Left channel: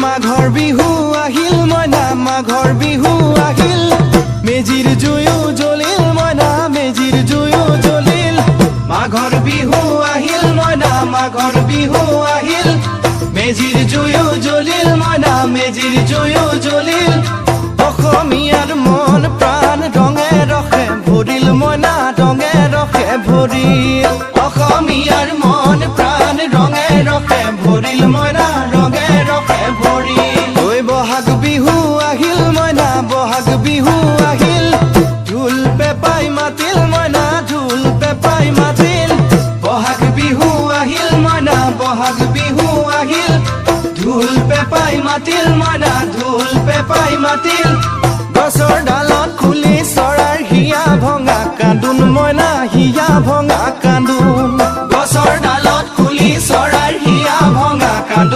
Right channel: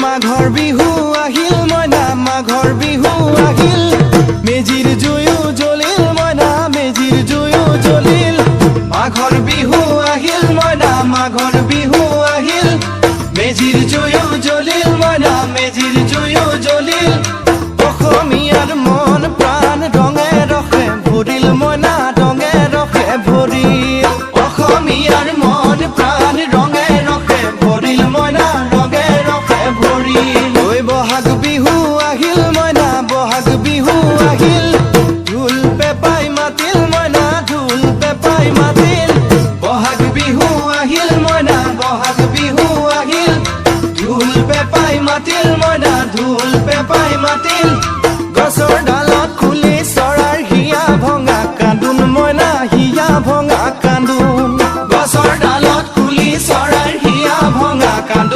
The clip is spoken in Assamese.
মাঘৰ বিহু আহিল মইনা মাঘৰ বিহু আহিল মেজিৰ জুয়ো জ্বলিল মইনা মেজিৰ জুয়ো জ্বলিল মাঘৰ বিহু আহিল মইনা মাঘৰ বিহু আহিল মেজিৰ জুয়ো জ্বলিল মইনা মেজিৰ জুয়ো জ্বলিল অসমীয়াৰ মন প্ৰাণ ৰঙে ৰসে ভৰিল মইনা ৰঙে ৰসে ভৰিল অসমীয়াৰ মন প্ৰাণ ৰঙে ৰসে ভৰিল মইনা ৰঙে ৰসে ভৰিল ঐ বহাগ বিহু আহিল মইনা বহাগ বিহু আহিল ঢোল পেপাই মাতিল মইনা ঢোল পেপাই মাতিল বহাগ বিহু আহিল মইনা বহাগ বিহু আহিল ঢোল পেপাই মাতিল মইনা ঢোল পেপাই মাতিল গছৰ ডালত খুলি চৰাৰ হিয়া ভঙা কান্দোন মইনা হিয়া ভঙা কান্দোন গছৰ ডালত খুলি চৰাৰ হিয়া ভঙা কান্দোন